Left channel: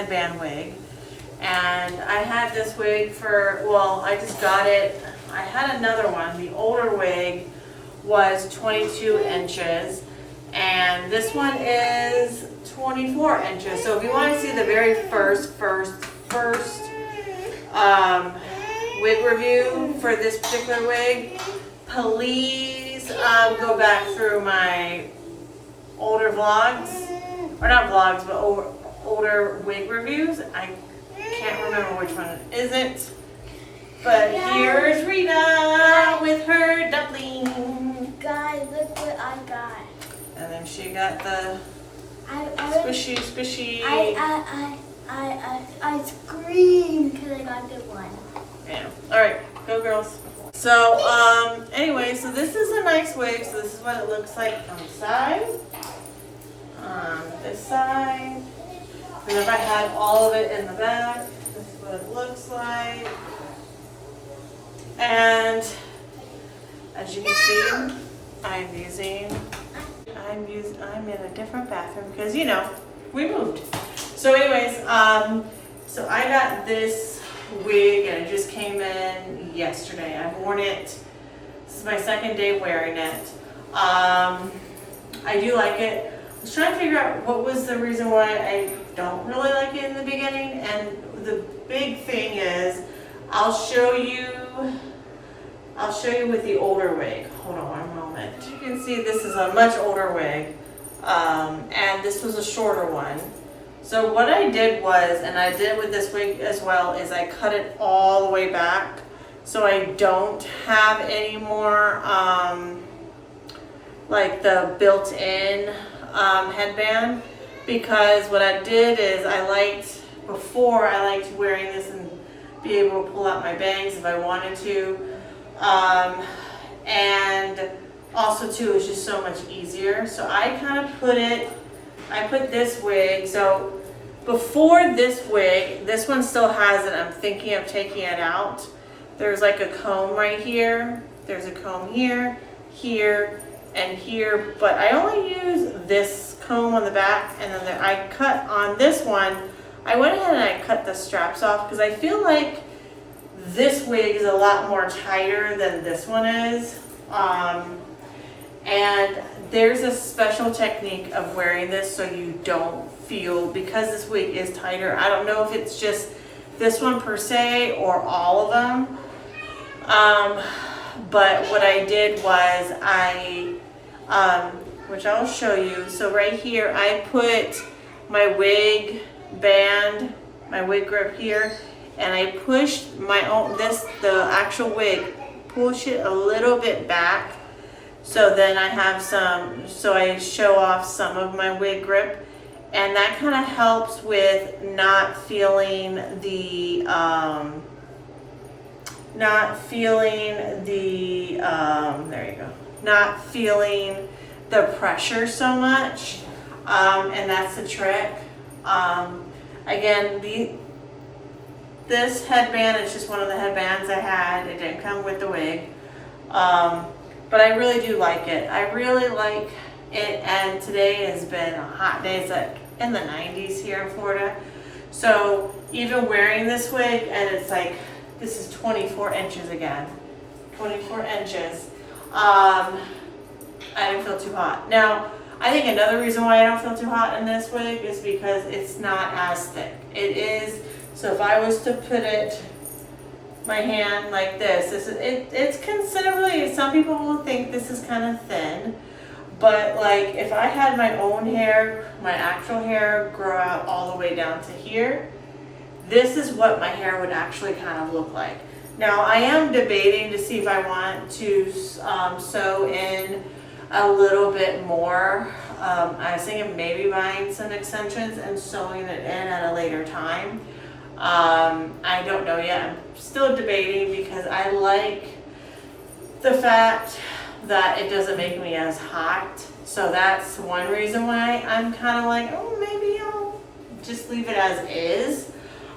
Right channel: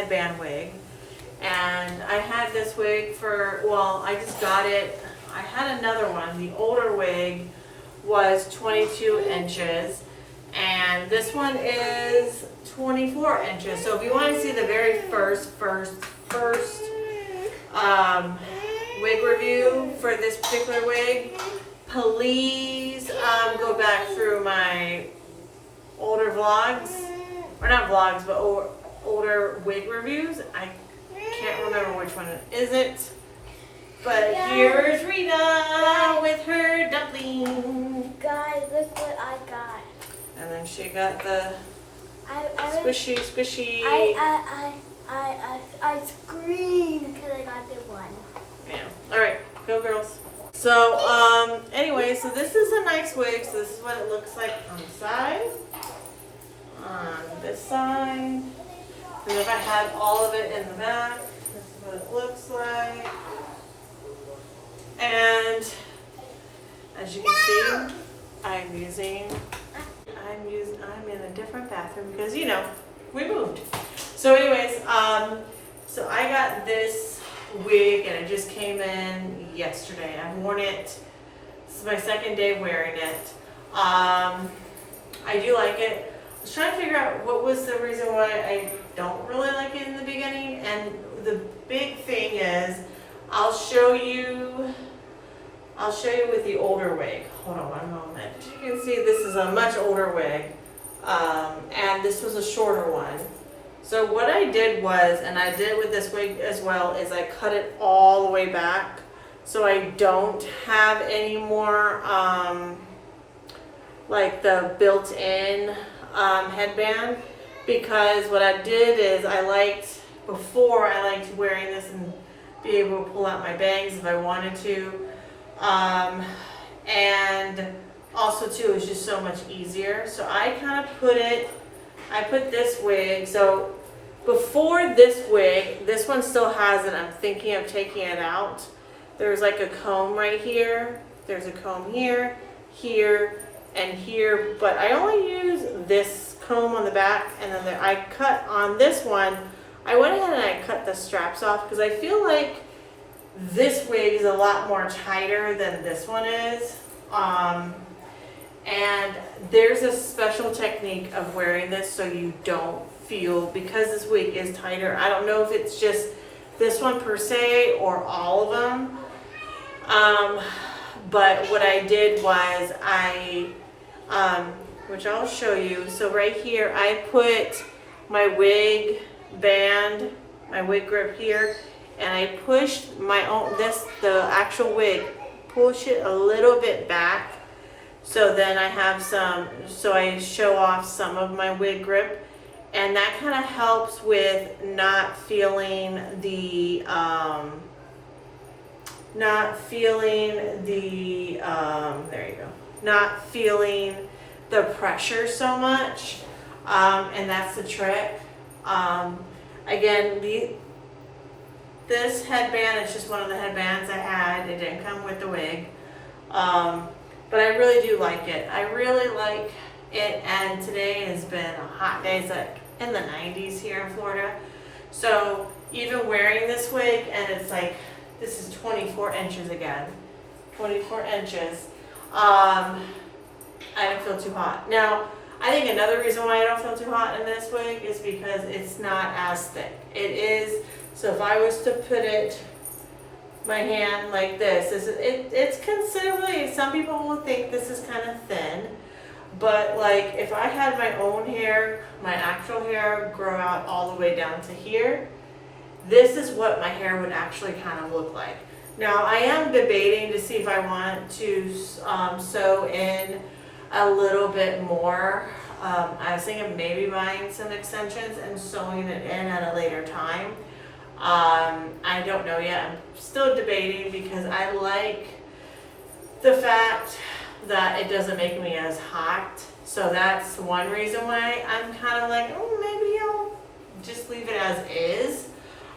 headband wig. And I had this wig for, well, I just got it. I had another one. The older wig was 22 inches. And this one is 24 inches. So if you want to see the very first wig review for this particular wig, please go back through my older vlogs, or not vlogs, but older wig reviews. I can't remember which one it isn't, but here's Rita with her dumpling. Guys, look what I got. And then she got the squishy. I screamed because I got the one. Yeah. All right, go girls. So, anyway, so this is a nice wig. So this is what it looks like on the side. On this side. And if I had all of it in the back, this is what it looks like. And as you can see, I'm in a different bathroom because, you know, we moved. So anyways, so I got this wig and it just came in yesterday. I've worn it. This is my second day wearing it. I do like it. I was trying to figure out what was the reason why I don't really like it in the beginning, and the big thing is I'll show you with the older wig. Hold on one moment. You can see this is a much older wig, and this was a shorter one. So what I did was, and I did with this wig as well, is I cut it all the way back so I don't have any more like the built-in headband, because what I did is I liked wearing this and be able to pull out my bangs if I wanted to, and also too, it's just so much easier. So I kind of put this wig, so before this wig, this one still has it, I'm thinking of taking it out. There's like a comb right here, there's a comb here, here, and here, but I only use this comb on the back, and then I cut on this one. I went ahead and I cut the straps off because I feel like this wig is a lot more tighter than this one is. And there's a special technique of wearing this so you don't feel, because this wig is tighter. I don't know if it's just this one per se or all of them. But what I did was which I'll show you. So right here, I put my wig band, my wig grip here, and I pushed the actual wig, push it a little bit back. So then I have so I show off some of my wig grip, and that kind of helps with not feeling the pressure so much, and that's the trick. Again, this headband is just one of the headbands I had. It didn't come with the wig, but I really do like it. I really like it, and today has been a hot day. It's like in the 90s here in Florida. So even wearing this wig, and it's like, this is 24 inches again, 24 inches. I didn't feel too hot. Now, I think another reason why I don't feel too hot in this wig is because it's not as thick. It is, so if I was to put my hand like this, it's considerably, some people will think this is kind of thin, but like if I had my own hair, my actual hair grow out all the way down to here, this is what my hair would actually kind of look like. Now, I am debating to see if I want to sew in a little bit more. I was thinking maybe buying some extensions and sewing it in at a later time. I don't know yet. I'm still debating because I like the fact that it doesn't make me as hot. So that's one reason why I'm kind of like, oh, maybe I'll just leave it as is.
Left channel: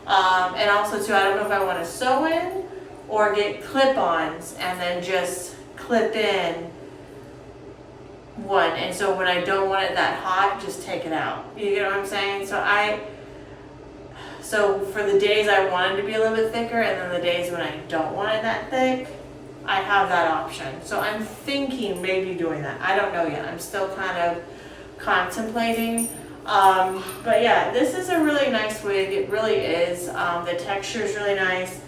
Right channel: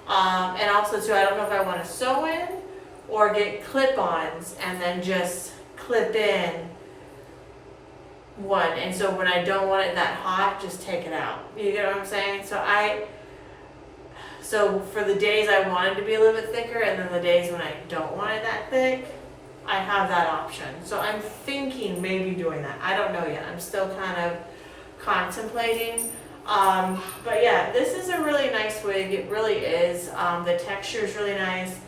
And also too, I don't know if I want to sew in or get clip-ons and then just clip in one, and so when I don't want it that hot, just take it out. You get what I'm saying? So So for the days I want it to be a little bit thicker, and then the days when I don't want it that thick, I have that option. So I'm thinking maybe doing that. I don't know yet. I'm still kind of contemplating. But yeah, this is a really nice wig. It really is. The texture is really nice.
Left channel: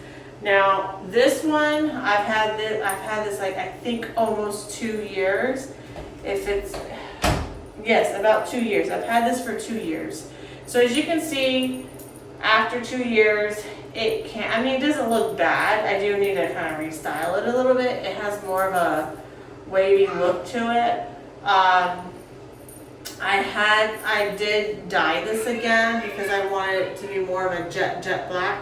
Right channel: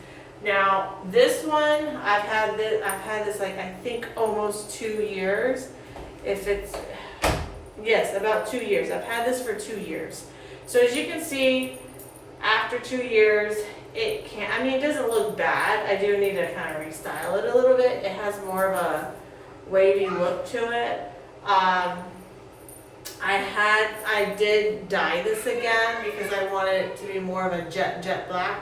Now this one, I've had this like I think almost 2 years. Yes, about 2 years. I've had this for 2 years. So as you can see, after 2 years, it doesn't look bad. I do need to kind of restyle it a little bit. It has more of a wavy look to it. I did dye this again because I wanted it to be more of a jet black.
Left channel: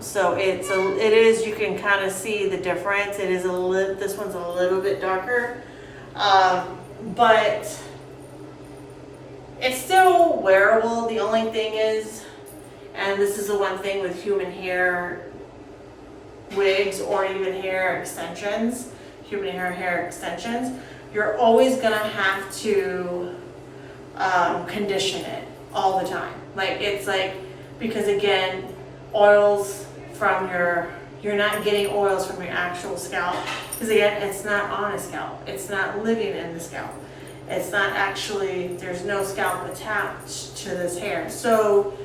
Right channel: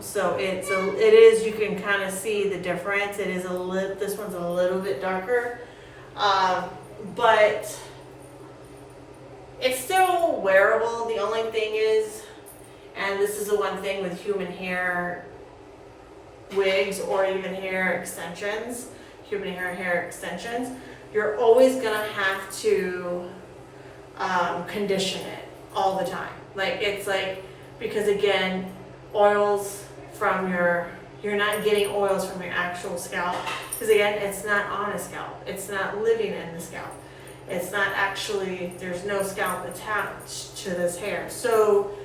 So it is, you can kind of see the difference. It is this one's a little bit darker. But it's still wearable. The only thing is, and this is the one thing with human hair wigs or even hair extensions, hair extensions, you're always gonna have to condition it all the time. Because again, oils from you're not getting oils from your actual scalp, because again, it's not on a scalp. It's not living in the scalp. It's not actually, there's no scalp attached to this hair. So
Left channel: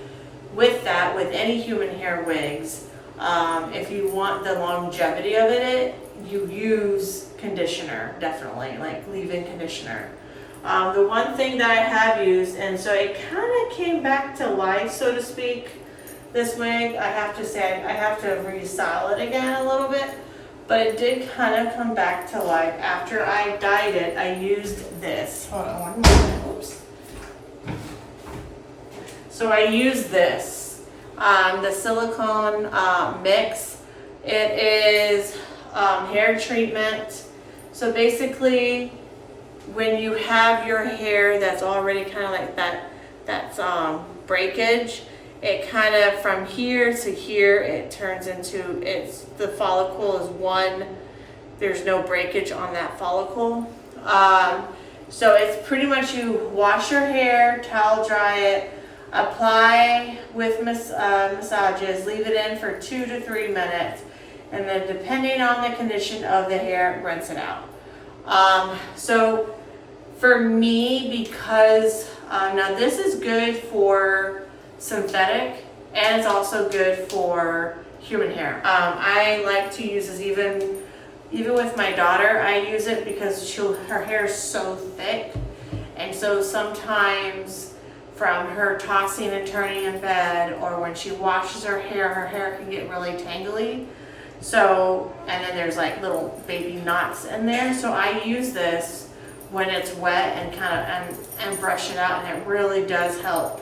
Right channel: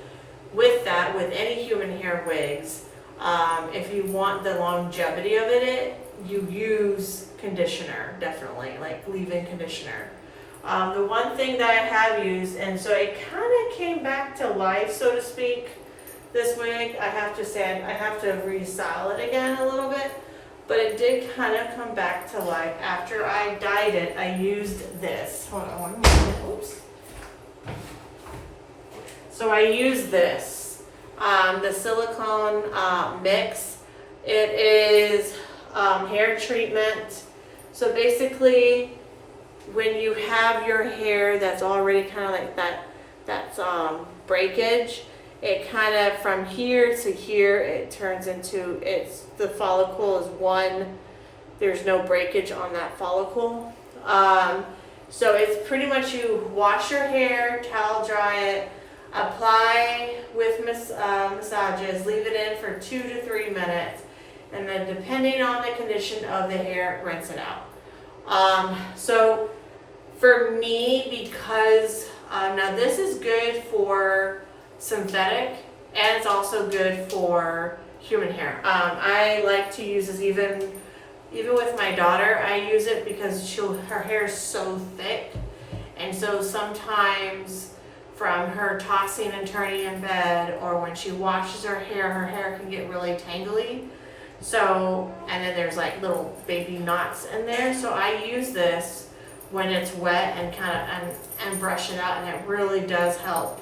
with any human hair wigs, if you want the longevity of it, you use conditioner, definitely, like leave-in conditioner. The one thing that I have used, and so it kind of came back to life, so to speak, this wig, I have to say, I have to restyle it again a little bit, but it did kind of come back to life. After I dyed it, I used this. Hold on one moment, oops. So I used this, the silicone mix. It is hair treatment. So basically, when you have your hair that's already kind of like that's breakage, it kind of from here to here, it turns into, the follicle is one, there's no breakage on that follicle. So it's pretty much you wash your hair, towel dry it, apply with massages, leave it in for 2 to 3 minutes, and then depending on the condition of the hair, rinse it out. So for me, because now this is good for synthetic and it's also good for human hair. I like to use this even with my daughter. I use it because her hair is so thick, and so sometimes from her tossing and turning in bed, or when she washes her hair can get really tangly. So, and then there's like little baby knots in there. So I use this when it's wet and kind of and brush it out, and it really does help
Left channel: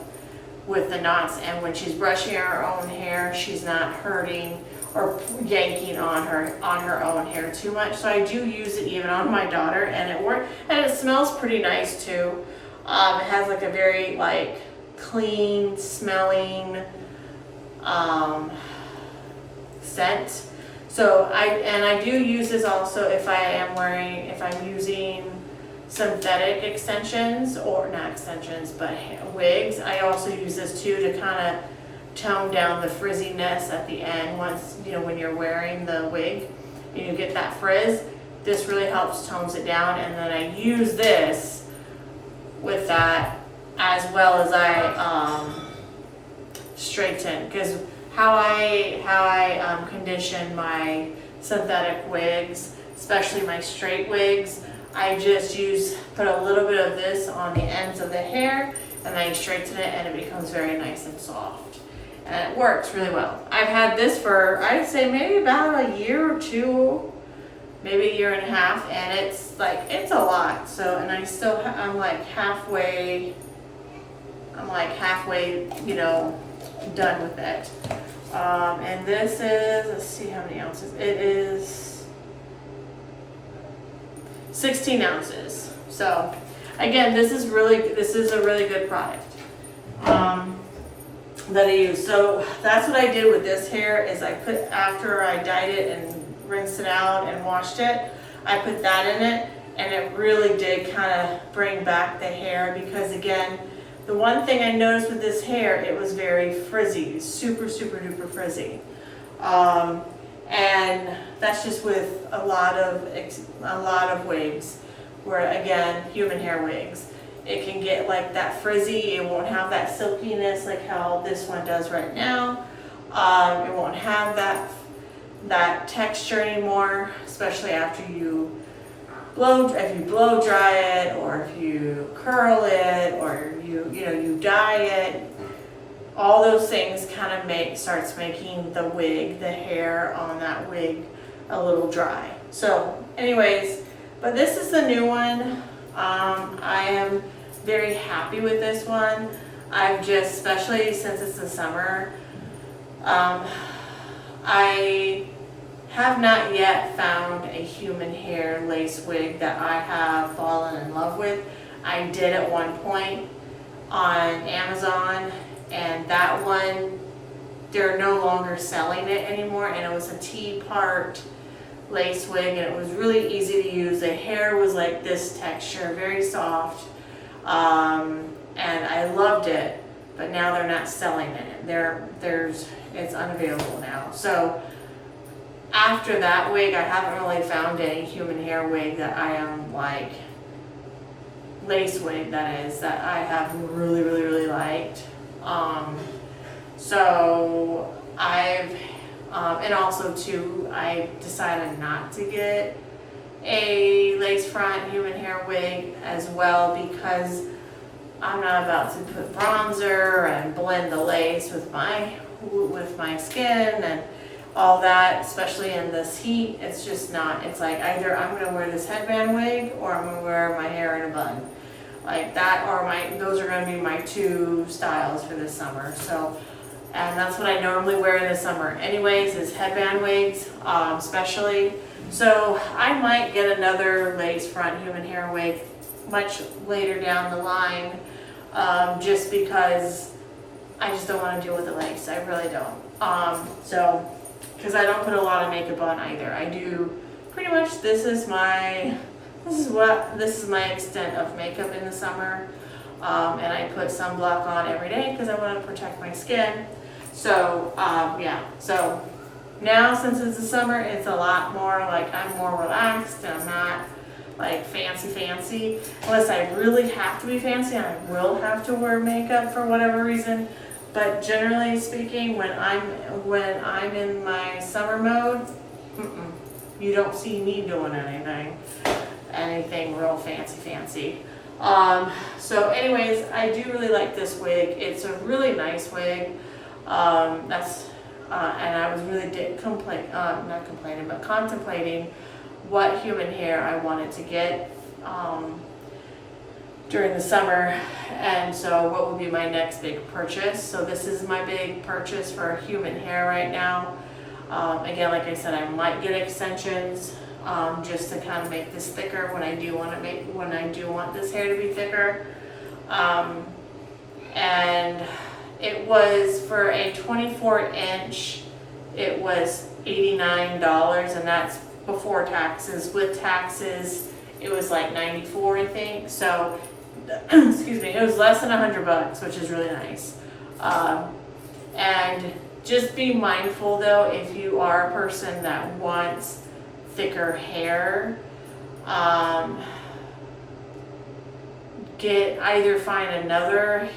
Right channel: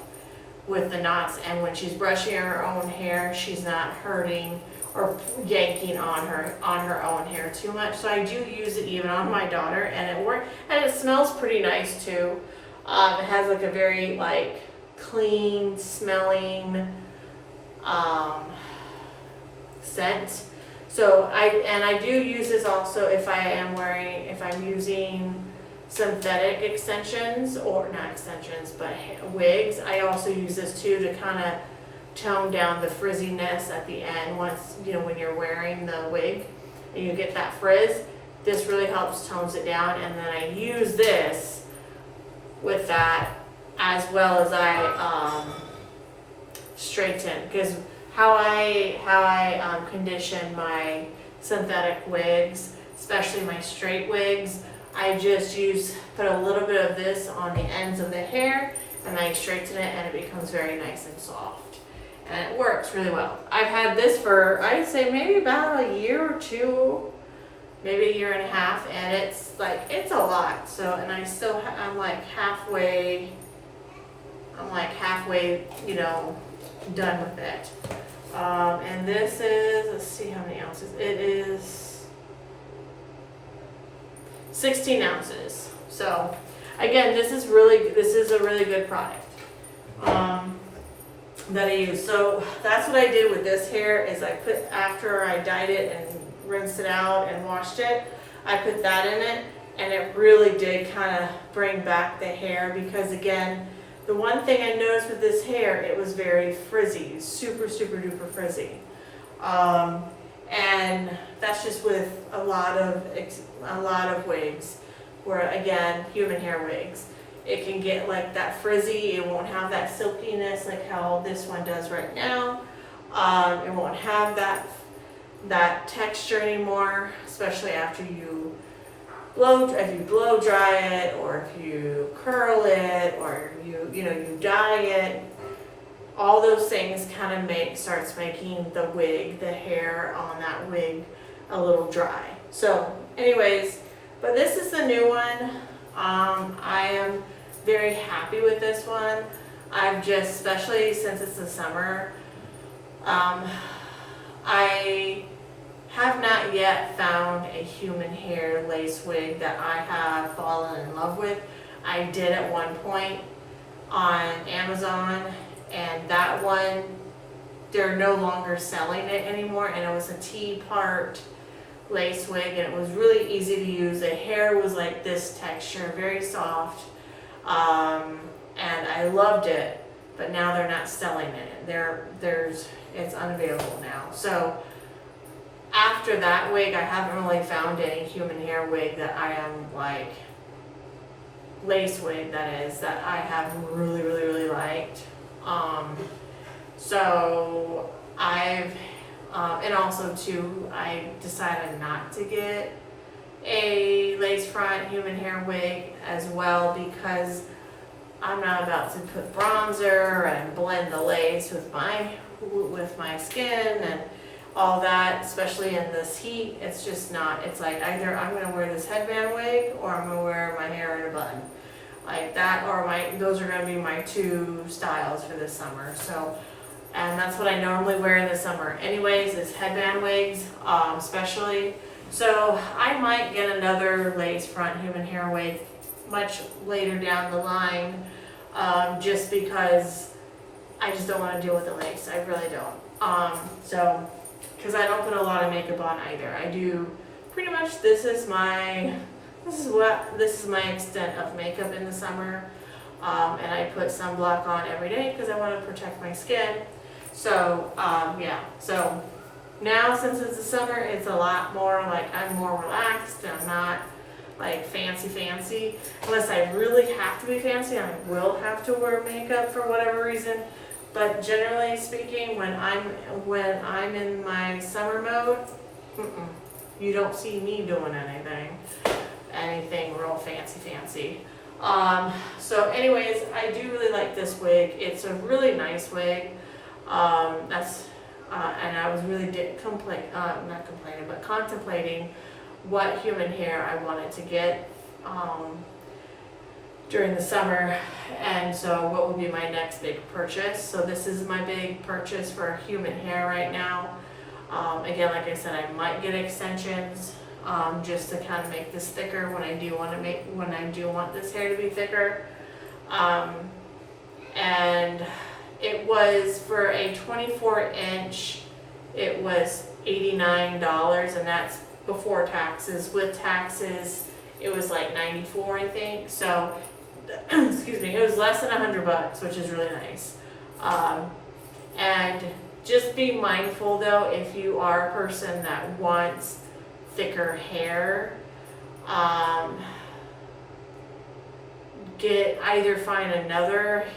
with the knots. And when she's brushing her own hair, she's not hurting or yanking on her own hair too much. So I do use it even on my daughter, and it works, and it smells pretty nice too. It has like a very like clean smelling scent. So I do use this also if I'm using synthetic extensions, or not extensions, but wigs. I also use this too to kind of tone down the frizziness at the end. Once, when you're wearing the wig and you get that frizz, this really helps tones it down. And then I use this with that, as well as I straighten, because how I condition my synthetic wigs, especially my straight wigs, I just put a little bit of this on the ends of the hair, and I straighten it, and it becomes very nice and soft. And it works really well. I've had this for, I'd say maybe about a year or two, maybe a year and a half, and it's a lot. So, and I'm like halfway, done with it. And this is, let's see how many ounces. It is 16 ounces. So again, this is a really good product that I use. So that's what I did with this hair, is after I dyed it and rinsed it out and washed it, I put that in it, and it really did kind of bring back the hair, because again, The one thing I noticed with this hair, it was very frizzy, super, super duper frizzy. And that's just with a lot of wigs, where again, human hair wigs. It can get like that frizzy, it won't have that silkiness like how this one does right now. It won't have that texture anymore, especially after you if you blow dry it, or if you curl it, or you dye it. All those things kind of starts making the hair on that wig a little dry. So anyways, but this is the new one. I am very happy with this one. Especially since it's the summer, I have not yet found a human hair lace wig that I have fallen in love with. I did at one point on Amazon, and that one, they're no longer selling it anymore, and it was a T-part lace wig, and it was really easy to use. The hair was like this texture, very soft, and I loved it, but now they're not selling it. It's unavailable now. So after that wig, I haven't really found any human hair wig that I am like, lace wig that is, that I have really, really, really liked. So and also too, I decided not to get a lace front human hair wig as well, because I'm not about to put bronzer and blend the lace with my skin and all that, especially in this heat. It's just not, it's like either I'm gonna wear this headband wig, or I'm gonna wear my hair in a bun. Like that, or those are gonna be my two styles for this summer. So, and that's what I normally wear in the summer anyways, is headband wigs, especially. So I might get another lace front human hair wig much later down the line, just because I just don't want to deal with the lace. I really don't. Because I don't put a lot of makeup on either. I do pretty much, this is my extent of makeup in the summer. And I put sunblock on every day because I want to protect my skin. So, yeah. So now, since it's the summer, it's a lot more like I'm more relaxed, and I'm not like fancy. Unless I really have to be fancy, I will have to wear makeup for whatever reason. But generally speaking, when I'm in my summer mode, you don't see me doing anything real fancy. So anyways, I do really like this wig. It's a really nice wig. And I was really contemplating what human hair I wanted to get during the summer, and so what would be my next big purchase. So this is my big purchase for human hair right now. Again, like I said, I might get extensions just to kind of make this thicker when I do want this hair to be thicker. And it was for a 24-inch, it was $89, and that's before taxes. With taxes, it was like $94, I think. So, excuse me, it was less than $100, which is really nice. And just be mindful though, if you are a person that wants thicker hair, find another.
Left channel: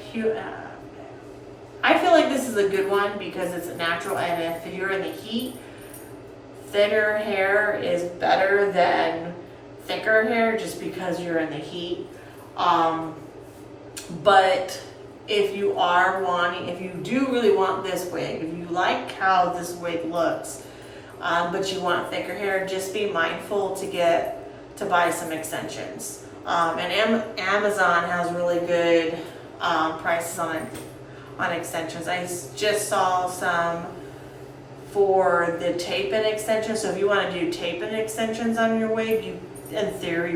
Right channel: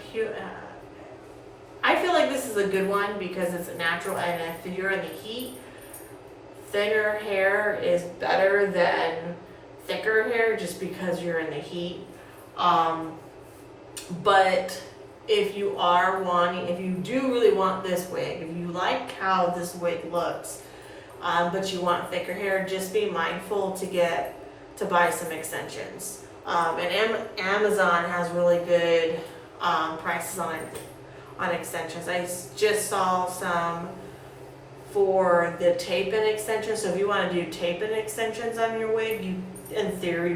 I feel like this is a good one because it's natural, and if you're in the heat, thinner hair is better than thicker hair just because you're in the heat. But if you do really want this wig, if you like how this wig looks, but you want thicker hair, just be mindful to buy some extensions. And Amazon has really good prices on extensions. I just saw some for the tape-in extensions. So if you want to do tape-in extensions on your wig, you in theory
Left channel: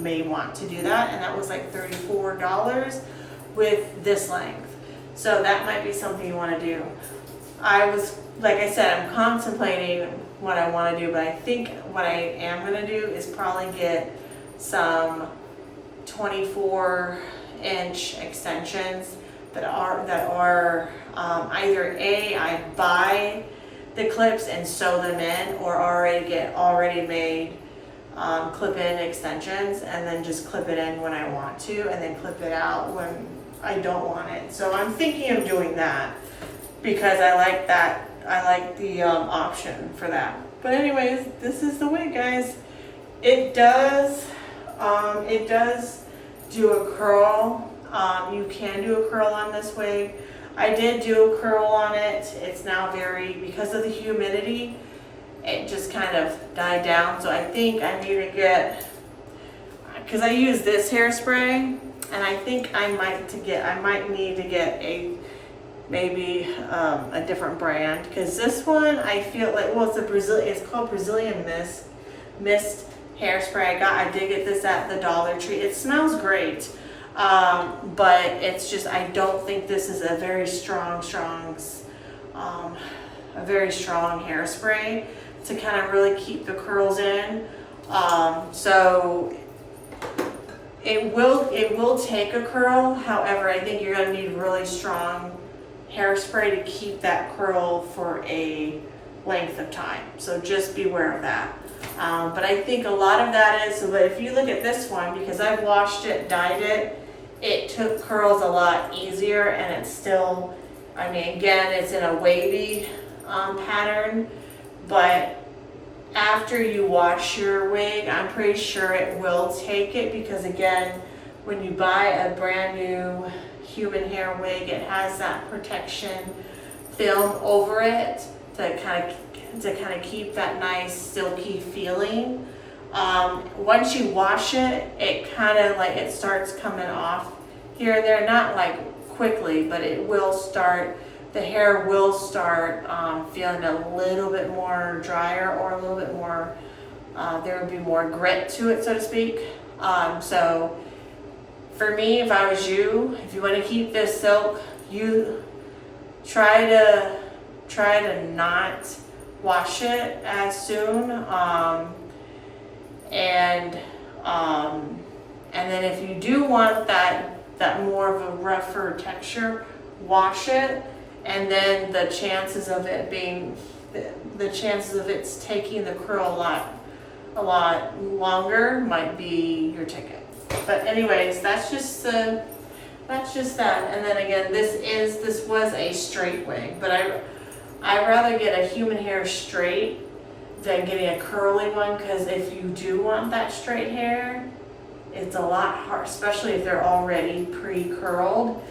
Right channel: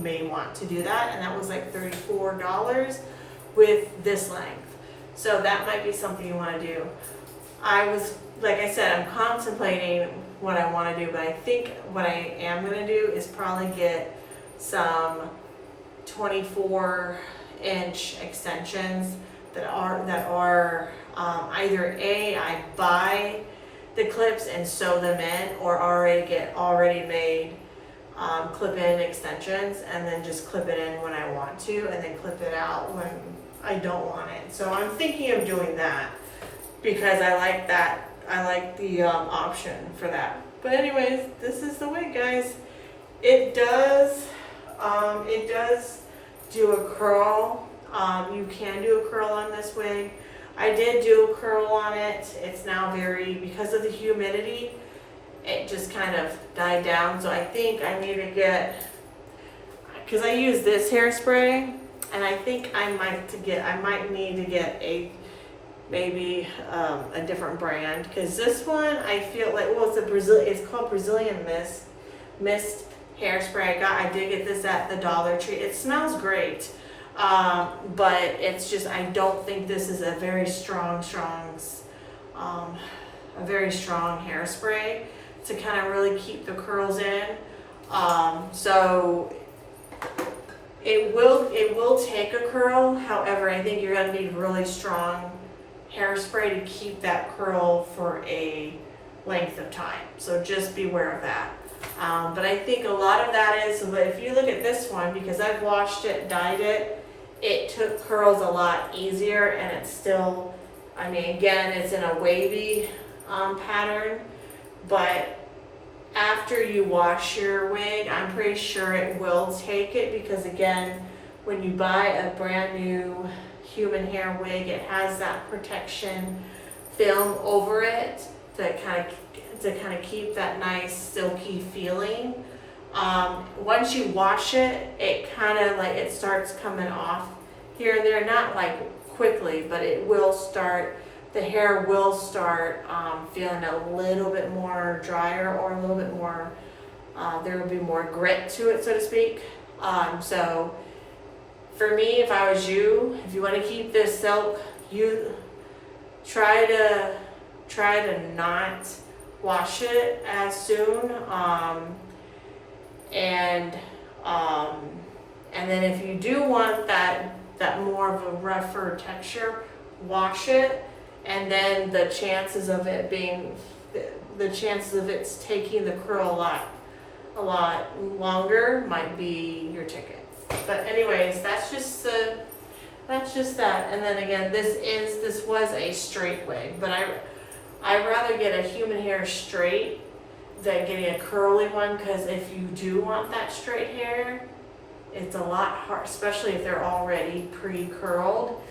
may want to do that, and that was like $34 with this length. So that might be something you want to do. Like I said, I'm contemplating what I want to do, but I think what I am going to do is probably get some 24 1-inch extensions that are either I buy the clips and sew them in, or already made clip-in extensions and then just clip it in when I want to, and then clip it out when I don't want it. So I'm thinking of doing that because I like that. I like the option for that. But anyways, this is the wig, guys. It does do a curl. You can do a curl on this wig. I did do a curl on it. It's now because of the humidity, it just kind of died down. So I think I need to get, because I use this hairspray, and I think I might need to get maybe a different brand, because this one I feel like, well, it's called Brazilian Mist hairspray. I did get this at the Dollar Tree. It smells great, but it's just, I don't think this is a very strong hairspray to kind of really keep the curls in. So it will take a curl. However, I think you're gonna need really strong hairspray to keep that curl for a length of time. So just beware of that. But I think a lot of that is, but if you look at this one, because I've washed it, dyed it, it took curls a lot easier, and it's still, I mean, again, it's in a wavy pattern, but after you wash your wig, I'm pretty sure it will take it, because again, when you buy a brand new human hair wig, it has that protection film over it to kind of keep that nice silky feeling. Once you wash it, it kind of like, it starts coming off here and there, not like quickly, but it will start, the hair will start feeling a little bit more drier, or a little bit more, there will be more grit to it, so to speak. So for me, if I was you, if you want to keep this silk, you try to not wash it as soon, and then if you do want that more of a rougher texture, wash it, and then the chances of it taking the curl a lot longer might be your ticket. But anyways, that's just that. And then again, this was a straight wig, but I'd rather get a human hair straight than getting a curly one, because if you do want that straight hair, it's a lot hard, especially if they're already pre-curled.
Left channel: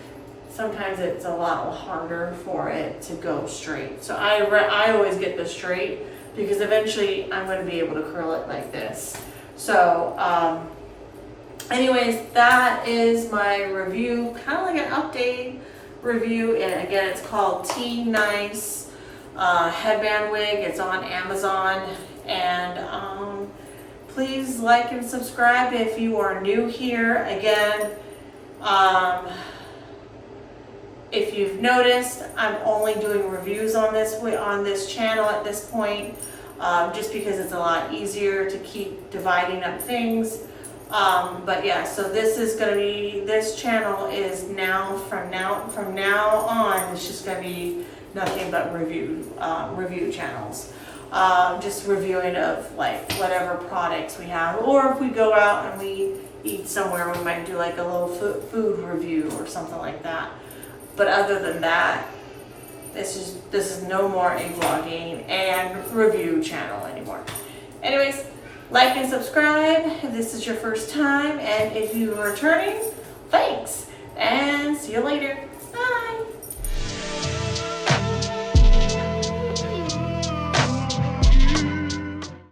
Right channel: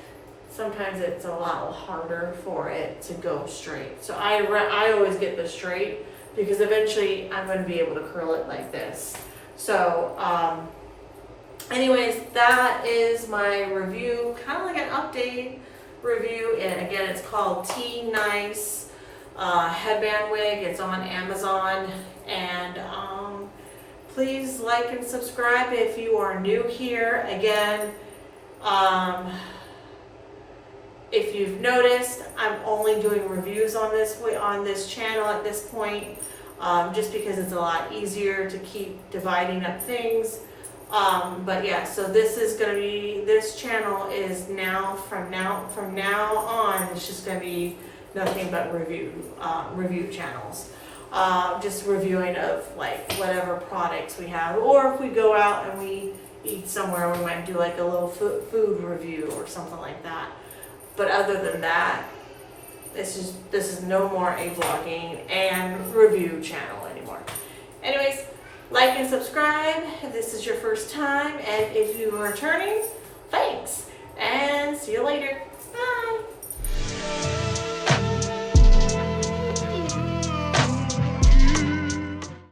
Sometimes it's a lot harder for it to go straight. So I always get the straight, because eventually I'm going to be able to curl it like this. So anyways, that is my review, kind of like an update review. And again, it's called TNICE headband wig. It's on Amazon. And please like and subscribe if you are new here. Again, if you've noticed, I'm only doing reviews on this channel at this point, just because it's a lot easier to keep dividing up things. But yeah, so this channel is from now on, it's just gonna be nothing but review channels. Just reviewing of like whatever products we have, or if we go out and we eat somewhere, we might do like a little food review or something like that. But other than that, this is no more a vlogging and review channel anymore. Anyways, like and subscribe if this is your first time, and if you are returning, thanks, and see you later.